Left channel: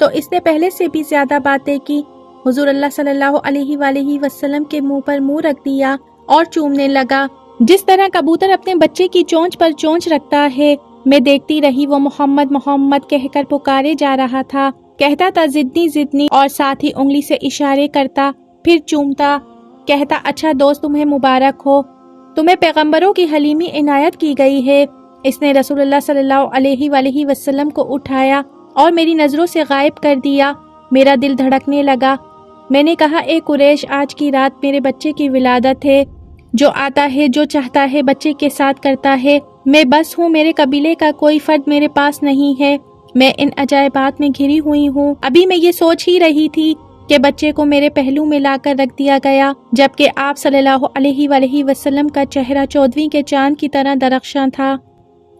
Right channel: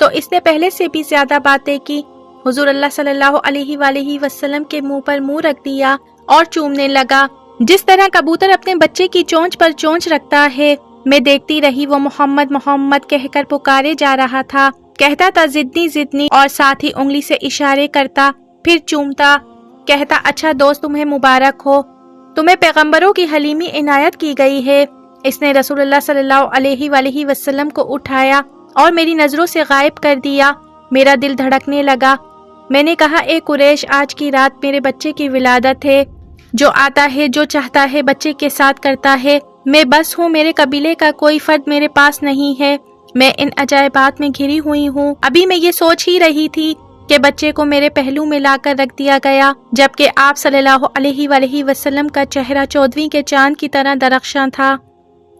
تو اس نے پہلے سے بھی زیادہ باتیں کی۔ حضور اللہ صلی اللہ علیہ وآلہ وسلم کے منہ پر منہ رکھ دیا اور چومنے لگا، جس طرح کبوتر اپنے بچے کی چونچ پر چونچ رکھتا ہے۔ میں دیکھتی رہی، وہ محمد محمد کہہ کر پکارے جا رہا تھا، کہتا تھا زدنی زدنی، اور ساتھ ہی انگلی سے اشارے کرتا، پھر چومتا، کہتا اچھا دوست تمہیں مبارک ہو، تمہیں پیغمبروں کی حلیمی عنایت کی گئی ہے۔ اس نے رسول اللہ صلی اللہ علیہ وآلہ وسلم کو اٹھایا اور میری نظروں سے غائب کر دیا۔ میرا دل دھڑکنے لگا۔ میں نے کہا اے قریش، آج کی رات میرے بچے کی ولادت ہے، جو آتا ہے جو چاہتا ہے بچے کے ساتھ کرتا ہے، میں بس ہوں، میرے قبیلے کا کوئی فرد میرے پاس نہیں ہے، میں ان عجائبات میں گھری ہوئی ہوں۔ ابھی میں یہ سوچ ہی رہی تھی کہ بچے کو میرے پہلو میں لا کر رکھ دیا گیا، جبکہ آپ صلی اللہ علیہ وآلہ وسلم کا چہرہ 14ویں کے چاند کی طرح درخشاں تھا۔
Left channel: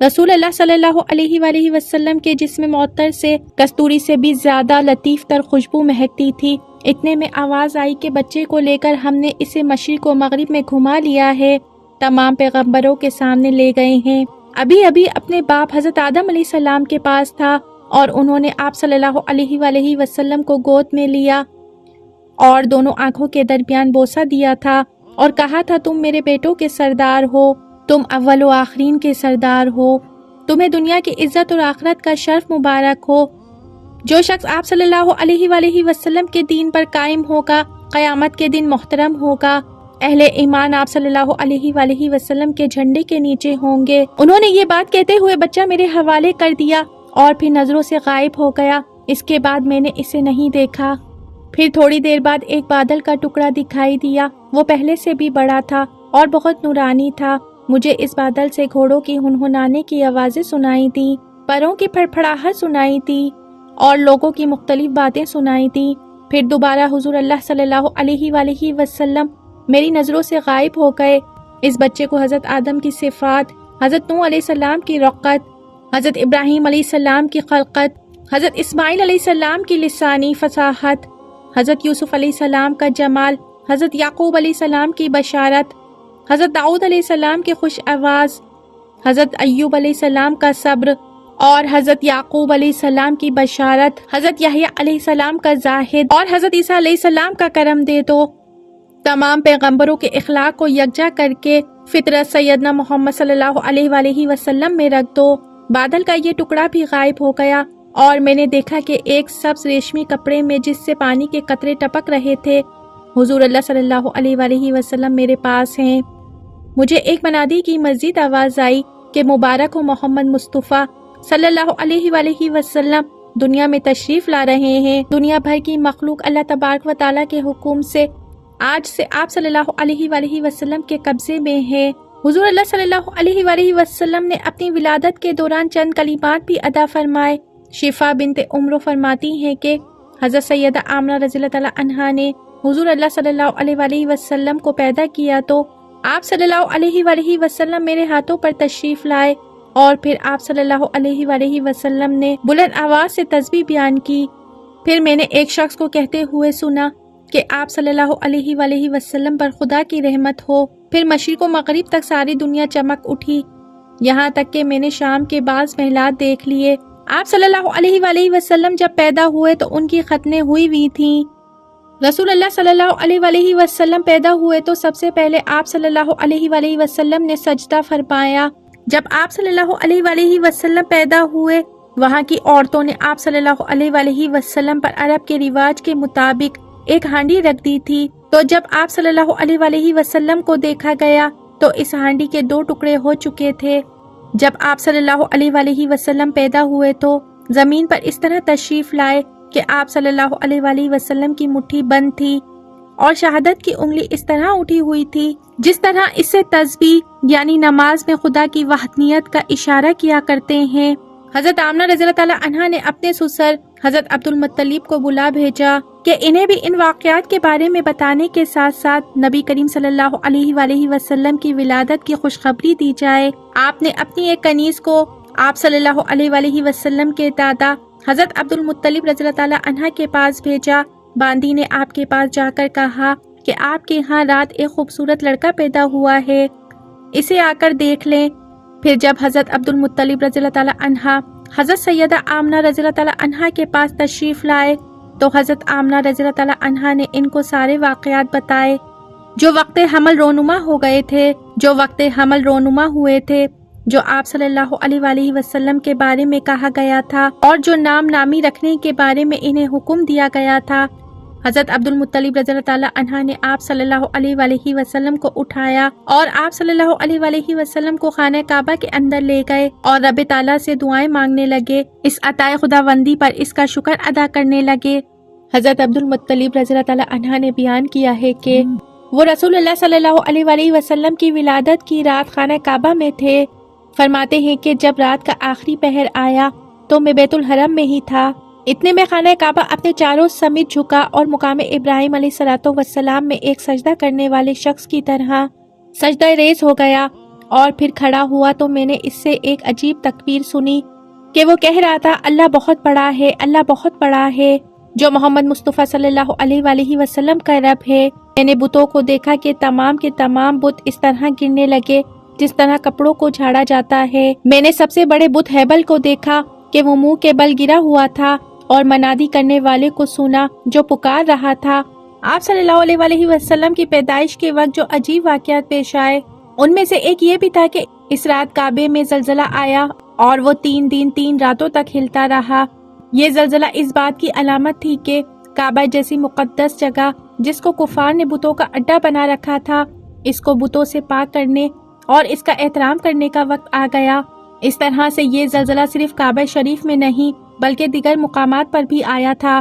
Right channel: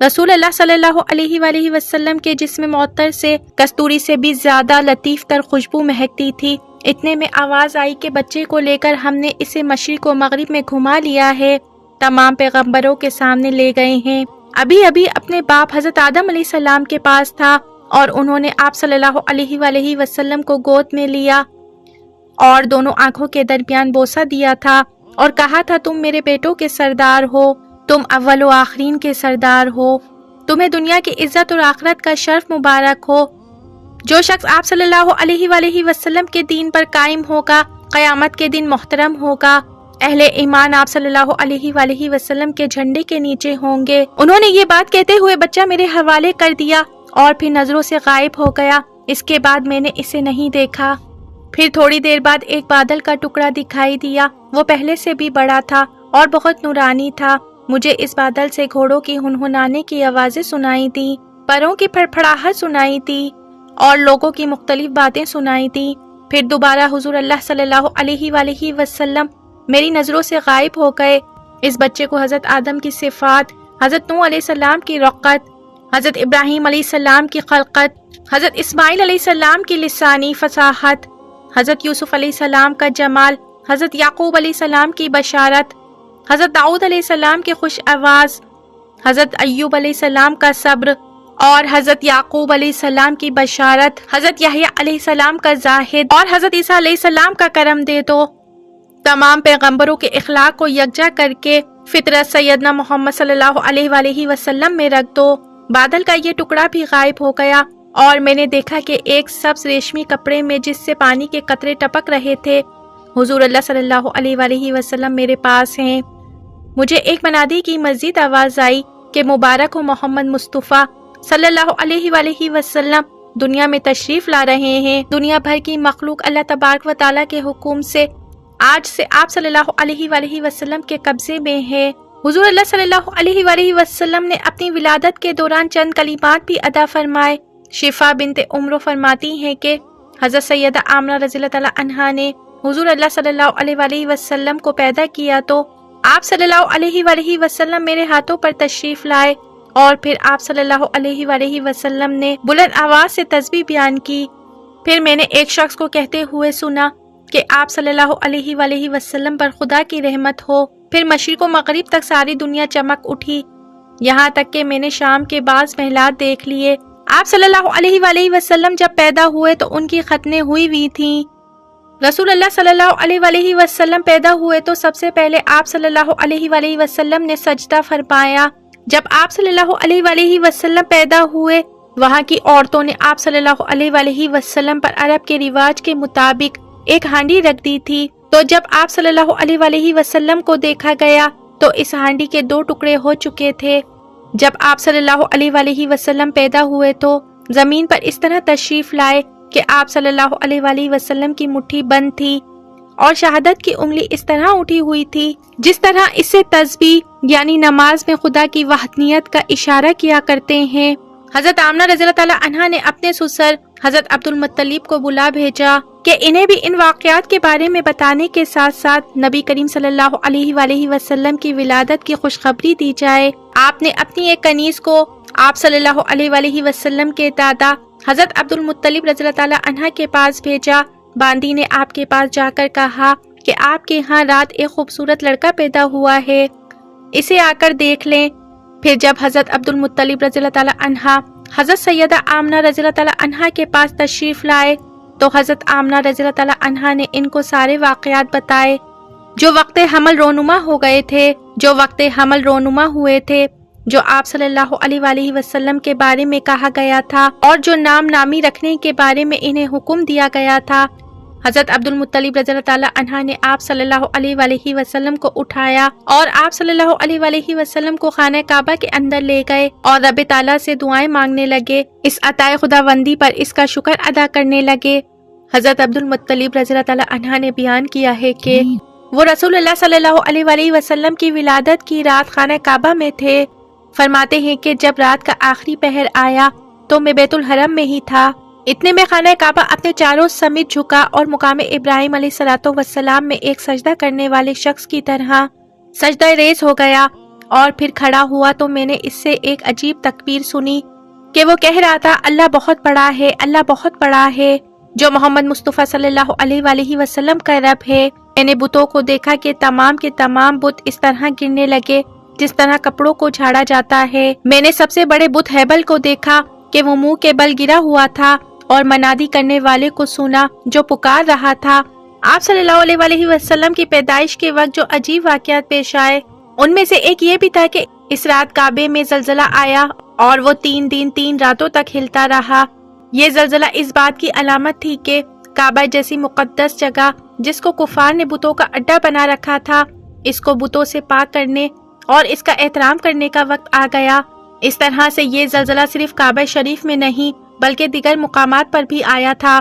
رسول اللہ صلی اللہ علیہ وآلہ وسلم کے جسم معطر سے کستوری سے بھی زیادہ لطیف تر خوشبو مہکتی تھی۔ اتنے میں آواز آئی کہ بچے کو لے کر ہم نے اسے مشرق و مغرب میں گھما لیا ہے، تمام پیغمبروں کے سامنے لے گئے ہیں۔ ابھی ابھی اپنے باپ حضرت آدم علیہ السلام کے پاس تھا اور انہوں نے آپ صلی اللہ علیہ وآلہ وسلم کو گود میں لیا اور دونوں آنکھوں کے درمیان بوسہ دیا تھا اور کہا تھا تم میرے بیٹوں کے سردار ہو، تم اول و آخرین کے سردار ہو، تمہیں دنیا کی عزت اور آخرت کا شرف مبارک ہو۔ جو شخص آپ صلی اللہ علیہ وآلہ وسلم کے دین پر قائم ہوگا، قیامت کے دن محترم ہوگا۔ اہل ایمان آپ صلی اللہ علیہ وآلہ وسلم کے جھنڈے کے نیچے ہوں گے۔ انہوں نے یہ بات کہتے ہوئے بچہ میرے حوالے کر دیا اور پھر نظروں سے غائب ہو گیا۔ اس کے بعد میں نے اسے نہیں دیکھا۔ پھر تھوڑی دیر بعد ایک بادل کا ٹکڑا دکھائی دیا، وہ پہلے سے بھی بڑا تھا اور بہت نورانی تھا۔ مجھے اس بادل سے گھوڑوں کی ہنہنانے کی آوازیں سنائی تیں، پروں کی پھڑپھڑاہٹ سنائی تھی اور لوگوں کی مختلف باتیں سنائی تھی۔ پھر دوبارہ حضور اللہ صلی اللہ علیہ وآلہ وسلم میری نظروں سے غائب ہو گئے۔ اس بچے کو حضرت آدم کی صفات، حضرت نوح علیہ السلام کی رقت، حضرت ابراہیم علیہ السلام کی خلقت، حضرت اسماعیل علیہ السلام کی لسانی فصاحت، حضرت یوسف علیہ السلام کا جمال، حضرت یعقوب علیہ السلام کی بشارت، حضرت داؤد علیہ السلام کی خوش آواز، حضرت ایوب علیہ السلام کا صبر اور حضرت یعقوب علیہ السلام کی بشارت، حضرت یحییٰ علیہ السلام کا زاہد اور حضرت عیسیٰ علیہ السلام کا کرم دے دو۔ تمام پیغمبروں کے اخلاق کو یکجا کر کے فطرت سیدنا محمد صلی اللہ علیہ وآلہ وسلم میں رکھ دو۔ بادل کا یہ ٹکڑا بھی غائب ہو گیا اور میں نے دیکھا کہ ایک سبز ریشمی کپڑے میں جس سے پانی کے قطرے ٹپک رہے تھے، حضور اللہ صلی اللہ علیہ وآلہ وسلم میرے پاس ہیں۔ مجھے ایک منادی کی مزید آواز آئی کہ مبارک ہو محمد مصطفیٰ صلی اللہ علیہ وآلہ وسلم دنیا میں تشریف لا رہے ہیں۔ دنیا بھر کی مخلوق اللہ تبارک و تعالیٰ کے حکم سے آج سے آپ صلی اللہ علیہ وآلہ وسلم کے قبضے میں ہے۔ حضور اللہ صلی اللہ علیہ وآلہ وسلم نے اپنی ولادت کے دوران چند کلمات بھی ادا فرمائے۔ شفا بنت عمرو فرماتی ہیں کہ حضرت سیدہ آمنہ رضی اللہ تعالیٰ عنہا نے حضور اللہ صلی اللہ علیہ وآلہ وسلم کو پیدا کیا تو آپ صلی اللہ علیہ وآلہ وسلم میرے ہاتھوں پر تشریف لائے اور پھر آپ صلی اللہ علیہ وآلہ وسلم نے بلند آواز سے تسبیح بیان کی۔ پھر میں نے ایک شخص کو کہتے ہوئے سنا کہ آپ صلی اللہ علیہ وآلہ وسلم پر خدا کی رحمت ہو۔ پھر مشرق و مغرب تک ساری دنیا چمک اٹھی، یہاں تک کہ میں نے شام کے بعض محلات دیکھ لیے۔ آپ صلی اللہ علیہ وآلہ وسلم جب پیدا ہوئے تو ان کی ختنیں ہوئی تھیں۔ رسول اللہ صلی اللہ علیہ وآلہ وسلم پیدا ہوئے تو سب سے پہلے آپ صلی اللہ علیہ وآلہ وسلم نے سجدہ فرمایا۔ جب آپ صلی اللہ علیہ وآلہ وسلم پیدا ہوئے، وہاں کی عورتوں نے آپ صلی اللہ علیہ وآلہ وسلم پر عرب کے رواج کے مطابق ایک ہانڈی رکھ دی تھی، تو جب آپ صلی اللہ علیہ وآلہ وسلم کو دیکھا گیا تو اس ہانڈی کے 2 ٹکڑے ہو چکے تھے۔ جب آپ صلی اللہ علیہ وآلہ وسلم پیدا ہوئے تو زمین پر اس طرح تشریف لائے کہ آپ صلی اللہ علیہ وآلہ وسلم کی مٹھی بند تھی اور شہادت کی انگلی اس طرح اٹھی ہوئی تھی جس طرح اس سے تسبیح یعنی نماز میں خدا کی وحدانیت کا اشارہ کیا کرتے ہیں۔ حضرت آمنہ رضی اللہ تعالیٰ عنہا نے اپنے سسر حضرت عبد المطلب کو بلا بھیجا کہ انہیں بھی ان واقعات کے بارے میں بتانے کے ساتھ ساتھ نبی کریم صلی اللہ علیہ وآلہ وسلم کی ولادت کی خوشخبری دی جائے۔ آپ نے اپنی ایک کنیز کو آپ صلی اللہ علیہ وآلہ وسلم کے دادا حضرت عبد المطلب رضی اللہ تعالیٰ عنہ کے پاس بھیجا۔ باندی نے آپ کے پاس جا کر کہا کہ آپ کے ہاں رات ایک خوبصورت لڑکا پیدا ہوا ہے، اسے آ کر دیکھ لیں۔ پھر جب حضرت عبد المطلب رضی اللہ تعالیٰ عنہ حضرت سیدہ آمنہ رضی اللہ تعالیٰ عنہا کے پاس تشریف لائے تو حضرت آمنہ رضی اللہ تعالیٰ عنہا نے ان کو سارے واقعات بتائے جو وقت حمل رونما ہو گئے تھے، جو وقت حمل رونما ہوئے تھے، جو آپ صلی اللہ علیہ وآلہ وسلم کے بارے میں کہا گیا تھا اور جو نام نامی رکھنے کے بارے میں انہیں حکم دیا گیا تھا۔ حضرت عبد المطلب رضی اللہ تعالیٰ عنہ نے آپ صلی اللہ علیہ وآلہ وسلم کو اٹھایا اور آپ صلی اللہ علیہ وآلہ وسلم کو خانہ کعبہ کے اندر لے گئے اور رب تعالیٰ سے دعائیں مانگنے لگے، اس عطائے خداوندی پر اس کا شکر ادا کرنے لگے۔ حضرت عبد المطلب رضی اللہ تعالیٰ عنہ نے بیان کیا ہے کہ وہ رسول اللہ صلی اللہ علیہ وآلہ وسلم کی ولادت کی رات خانہ کعبہ میں تھے۔ فرماتے ہیں کہ جب رات کا آخری پہر آیا تو میں بیت الحرم میں ہی تھا، اتنے میں خانہ کعبہ اپنے چاروں سمیت جھکا اور مقام ابراہیم علیہ الصلوۃ والسلام میں ایک سجدہ کرنے والے شخص کی طرح سجدہ ریز ہو گیا اور پھر کھڑا ہوا تو میں نے اس سے ایک عجیب تکبیر سنی کہ وہ کہہ رہا تھا، اللہ بہت بڑا ہے، اللہ بہت بڑا ہے، جو محمد مصطفیٰ صلی اللہ علیہ وآلہ وسلم کا رب ہے۔ میں نے بتوں کو دیکھا کہ تمام کے تمام بت اس طرح گرنے لگے جس طرح کپڑوں کو جھاڑا جاتا ہے۔ میں نے سب سے بڑے بت ہیبل کو دیکھا کہ وہ منہ کے بل گرا ہوا تھا اور منادی کرنے والے کو سنا جو پکار رہا تھا۔ آپ صلی اللہ علیہ وآلہ وسلم کی پیدائش کے وقت جو عجیب واقعات پیش آئے ان میں سے ایک یہ بھی تھا کہ اس رات کعبے میں زلزلہ آیا اور وہ 3 دن 3 راتوں تک ہلتا رہا۔ یہ زلزلہ اس بات کی علامت تھی کہ کعبہ جیسی مقدس جگہ جس کو کفار نے بتوں کا اڈا بنا رکھا تھا، اس کو بتوں سے پاک کرنے اور اس کا احترام کرنے کا وقت آ گیا۔ اس طرح سے یہ زلزلہ صرف کعبہ شریف میں نہیں بلکہ دیگر مقامات پر بھی آیا تھا۔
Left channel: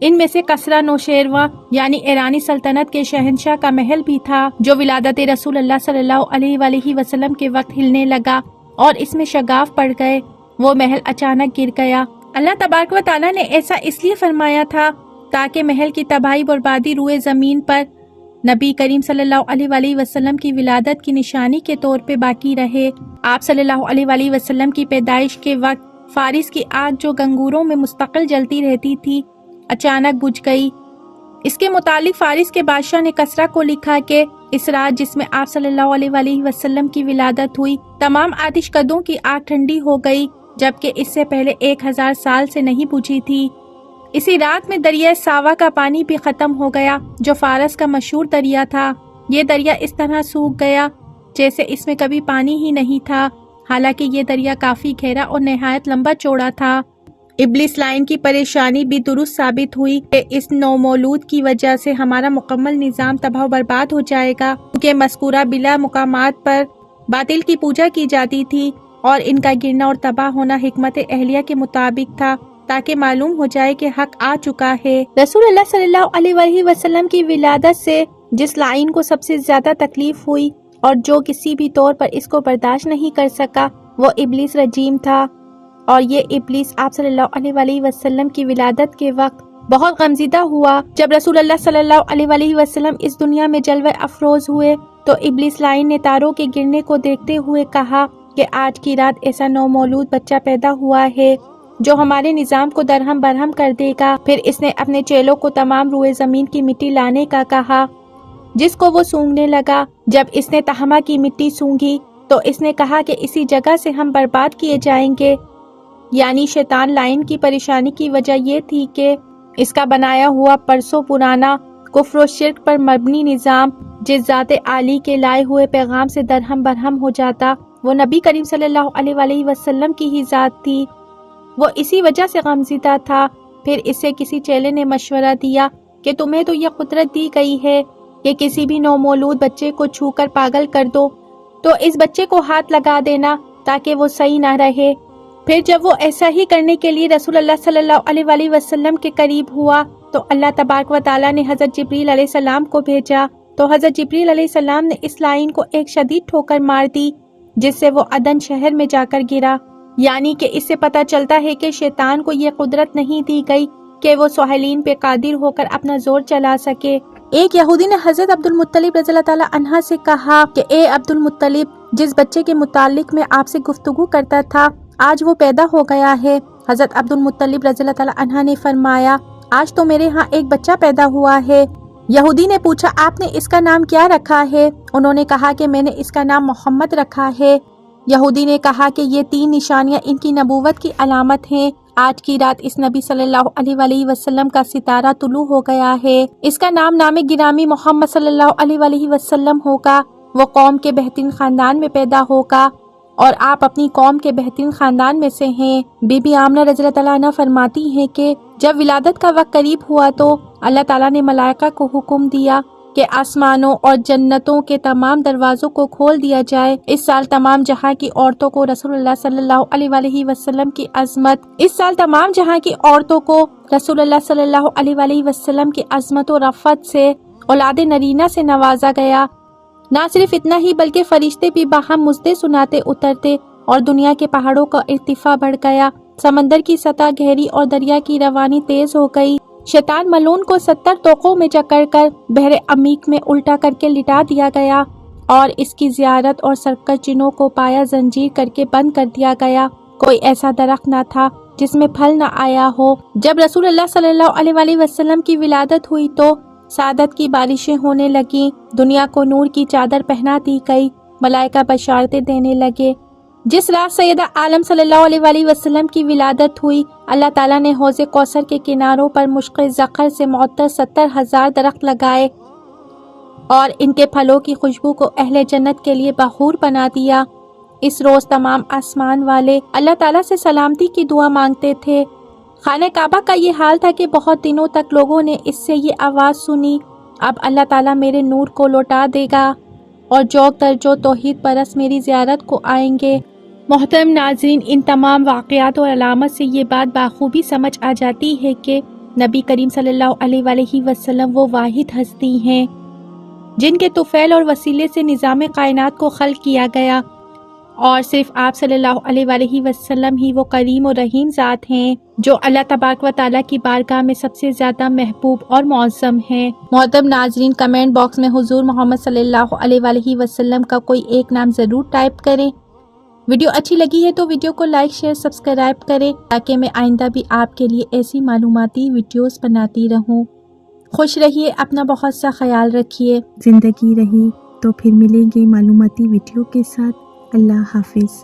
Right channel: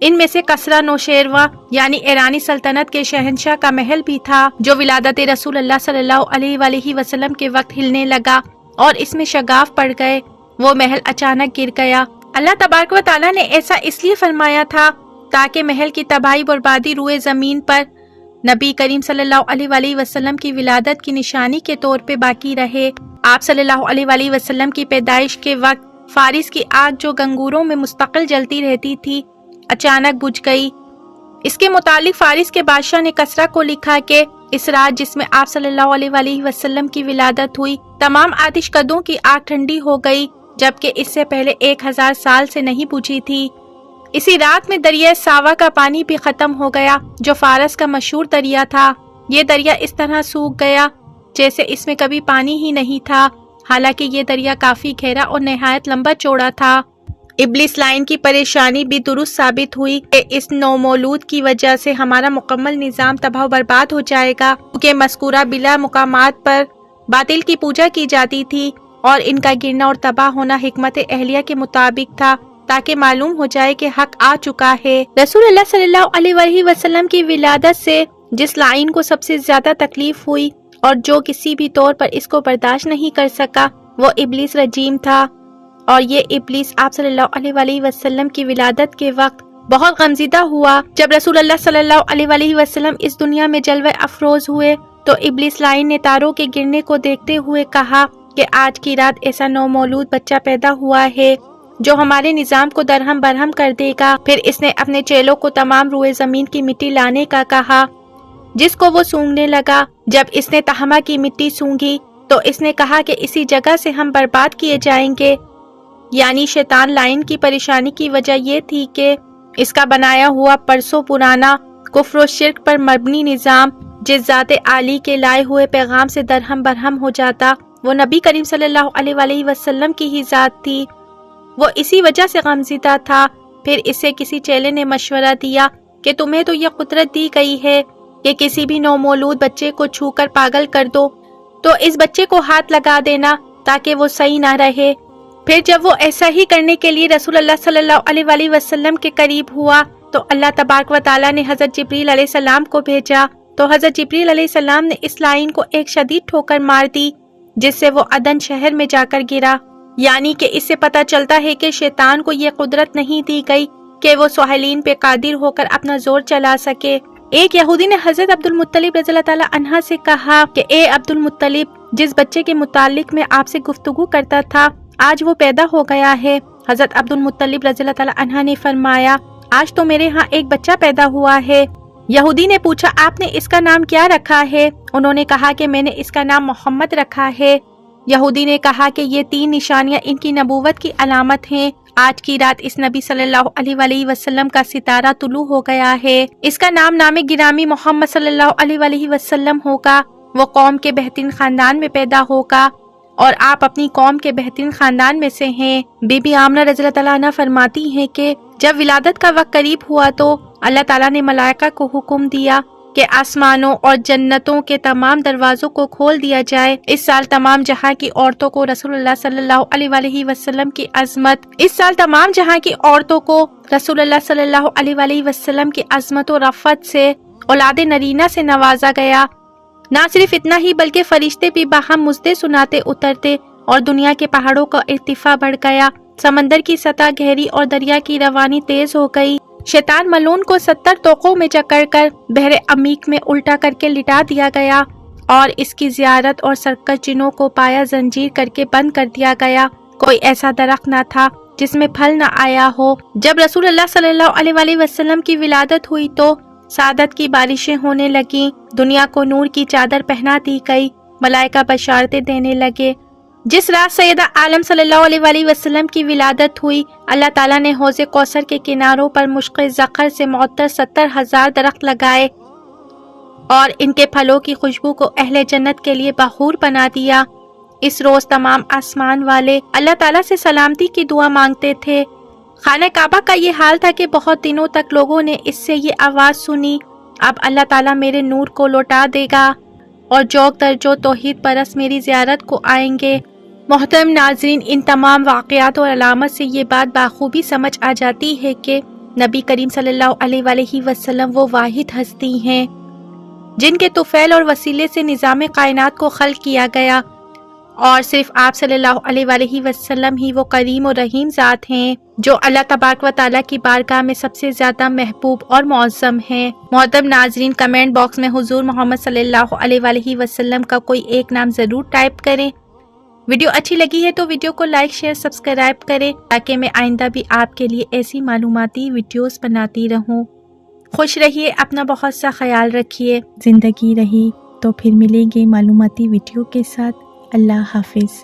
ان میں سے کسرا نوشیروہ یعنی ایرانی سلطنت کے شہنشاہ کا محل بھی تھا جو ولادت رسول اللہ صلی اللہ علیہ وآلہ وسلم کے وقت ہلنے لگا اور اس میں شگاف پڑ گئے۔ وہ محل اچانک گر گیا۔ اللہ تبارک و تعالیٰ نے ایسا اس لیے فرمایا تھا تاکہ محل کی تباہی بربادی روئے زمین پر نبی کریم صلی اللہ علیہ وآلہ وسلم کی ولادت کی نشانی کے طور پہ باقی رہے۔ آپ صلی اللہ علیہ وآلہ وسلم کی پیدائش کے وقت فارس کی آگ جو گنگوروں میں مستقل جلتی رہتی تھی اچانک بجھ گئی۔ اس کے متعلق فارس کے بادشاہ نے کسرا کو لکھا کہ اس رات جس میں آپ صلی اللہ علیہ وآلہ وسلم کی ولادت ہوئی تمام آتش کدوں کی آگ ٹھنڈی ہو گئی جبکہ اس سے پہلے 1000 سال سے نہیں بجھی تھی۔ اسی رات میں دریائے ساوا کا پانی بھی ختم ہو گیا جو فارس کا مشہور دریا تھا۔ یہ دریا اس طرح سوکھ گیا جیسے اس میں کبھی پانی ہی نہیں تھا، حالانکہ یہ دریا کافی گہرا اور نہایت لمبا چوڑا تھا۔ ابلیس لائن کی پریشانی بھی درست ثابت ہوئی کہ اس نومولود کی وجہ سے ہمارا مکمل نظام تباہ و برباد ہو جائے گا، کیونکہ مذکورہ بلا مقامات پر باطل کی پوجا کی جاتی تھی اور ان کا گرنا اور تباہ ہونا حکمت اہلیہ کے مطابق تھا تاکہ معلوم ہو جائے کہ حق آ چکا ہے۔ رسول اللہ صلی اللہ علیہ وآلہ وسلم کی ولادت سے جس لائن کو سب سے زیادہ تکلیف ہوئی اور جو کسی بھی طور پر اس کو برداشت نہیں کر سکا وہ ابلیس رجیم تھا، اور یہ ابلیس آپ صلی اللہ علیہ وآلہ وسلم کی ولادت کے وقت بہت غمزدہ ہوا۔ جب رسول اللہ صلی اللہ علیہ وآلہ وسلم اس دنیا میں جلوہ افروز ہوئے تو ابلیس لائن نے تاروں کے گرنے کو دیکھتے ہوئے کہا کہ آج کی رات ایسا نومولود بچہ پیدا ہوا ہے جو ہمارے نظام کو درہم برہم کر دے گا۔ پھر اس نے اپنے چیلوں کو تمام روئے زمین کی مٹی لانے کا کہا جس کو وہ سونگنے لگا۔ جب اس نے تہمہ کی مٹی سونگی تو اس نے کہا کہ اسی جگہ سے ہم برباد کیے جائیں گے، یعنی شیطان لائن کی پریشانی کی وجہ یہ تھی کہ اس کا بنایا ہوا برسوں پرانا کفر و شرک پر مبنی نظام جس ذات عالی کے لائے ہوئے پیغام سے درہم برہم ہو جاتا وہ نبی کریم صلی اللہ علیہ وآلہ وسلم کی ہی ذات تھی۔ وہ اسی وجہ سے غمزدہ تھا۔ پھر اسے کسی چیلے نے مشورہ دیا کہ تمہیں تو یہ قدرت دی گئی ہے کہ کسی بھی نومولود بچے کو چھو کر پاگل کر دو، تو اس بچے کو ہاتھ لگا دینا تاکہ وہ صحیح نہ رہے۔ پھر جب وہ ایسا ہی کرنے کے لیے رسول اللہ صلی اللہ علیہ وآلہ وسلم کے قریب ہوا تو اللہ تبارک و تعالیٰ نے حضرت جبریل علیہ السلام کو بھیجا، تو حضرت جبریل علیہ السلام نے اس لائن کو ایک شدید ٹھوکر مار دی جس سے وہ عدن شہر میں جا کر گرا۔ یعنی کہ اس سے پتہ چلتا ہے کہ شیطان کو یہ قدرت نہیں دی گئی کہ وہ سہیلین پہ قادر ہو کر اپنا زور چلا سکے۔ ایک یہودی نے حضرت عبد المطلب رضی اللہ تعالیٰ عنہ سے کہا کہ اے عبد المطلب، جس بچے کے متعلق میں آپ سے گفتگو کرتا تھا آج وہ پیدا ہو گیا ہے۔ حضرت عبد المطلب رضی اللہ تعالیٰ عنہ نے فرمایا آج تو میرے ہاں ایک بچہ پیدا ہوا ہے۔ یہودی نے پوچھا آپ نے اس کا نام کیا رکھا ہے؟ انہوں نے کہا کہ میں نے اس کا نام محمد رکھا ہے۔ یہودی نے کہا کہ یہ 3 نشانیاں ان کی نبوت کی علامت ہیں۔ آج کی رات اس نبی صلی اللہ علیہ وآلہ وسلم کا ستارہ طلوع ہو گیا ہے۔ اس کا نام گرامی محمد صلی اللہ علیہ وآلہ وسلم ہوگا۔ وہ قوم کے بہترین خاندان میں پیدا ہوگا اور آپ اپنی قوم کے بہترین خاندان میں سے ہیں۔ بی بی آمنہ رضی اللہ تعالیٰ عنہ فرماتی ہیں کہ جب ولادت کا وقت قریب ہوا تو اللہ تعالیٰ نے ملائکہ کو حکم دیا کہ آسمانوں اور جنتوں کے تمام دروازوں کو کھول دیا جائے۔ اس سال تمام جہاں کی عورتوں کو رسول اللہ صلی اللہ علیہ وآلہ وسلم کی عظمت و رفعت سے اولاد نرینہ سے نوازا گیا۔ نہ صرف اتنا ہی بلکہ فرشتے بھی باہم مژدے سناتے اترتے اور دنیا کے پہاڑوں کا ارتفاع بڑھ گیا، سمندر کی سطح گہری اور دریا کی روانی تیز ہو گئی۔ شیطان ملعون کو 70 طوقوں میں جکڑ کر بحر عمیق میں الٹا کر کے لٹا دیا گیا اور اس کی زیارت اور سرکش جنوں کو پایا زنجیر کر کے بند کر دیا گیا۔ کوئی ایسا درخت نہ تھا جس میں پھل نہ آیا ہو۔ جب رسول اللہ صلی اللہ علیہ وآلہ وسلم کی ولادت ہوئی تو سعادت کی بارشیں ہونے لگیں، دنیا کو نور کی چادر پہنا دی گئی، ملائکہ بشارتیں دینے لگے۔ جس رات سیدہ عالم صلی اللہ علیہ وآلہ وسلم کی ولادت ہوئی، اللہ تعالیٰ نے حوض کوثر کے کناروں پر مشق زخر سے معطر 70,000 درخت لگائے اور ان کے پھلوں کی خوشبو کو اہل جنت کے لیے بخور بنا دیا۔ اس روز تمام آسمان والے اللہ تعالیٰ سے سلامتی کی دعا مانگتے تھے۔ خانہ کعبہ کا یہ حال تھا کہ بہت دنوں تک لوگوں نے اس سے یہ آواز سنی، اب اللہ تعالیٰ میرے نور کو لوٹا دے گا اور جوگ در جو توحید پرست میری زیارت کو آئیں گے۔ محترم ناظرین، ان تمام واقعات اور علامت سے یہ بات بخوبی سمجھ آ جاتی ہے کہ نبی کریم صلی اللہ علیہ وآلہ وسلم وہ واحد ہستی ہیں جن کے طفیل اور وسیلے سے نظام کائنات کو خلق کیا گیا، اور صرف آپ صلی اللہ علیہ وآلہ وسلم ہی وہ کریم و رحیم ذات ہیں جو اللہ تبارک و تعالیٰ کی بارگاہ میں سب سے زیادہ محبوب اور معظم ہیں۔ محترم ناظرین، کمنٹ باکس میں حضور محمد صلی اللہ علیہ وآلہ وسلم کا کوئی ایک نام ضرور ٹائپ کریں۔ ویڈیو اچھی لگی ہے تو ویڈیو کو لائک، شیئر، سبسکرائب کریں تاکہ میں آئندہ بھی آپ کے لیے ایسی معلوماتی ویڈیوز بناتی رہوں۔ خوش رہیے، اپنا بہت سا خیال رکھیے۔ زندگی رہی تو پھر ملیں گے معلوماتی ویڈیو کے ساتھ۔ اللہ حافظ۔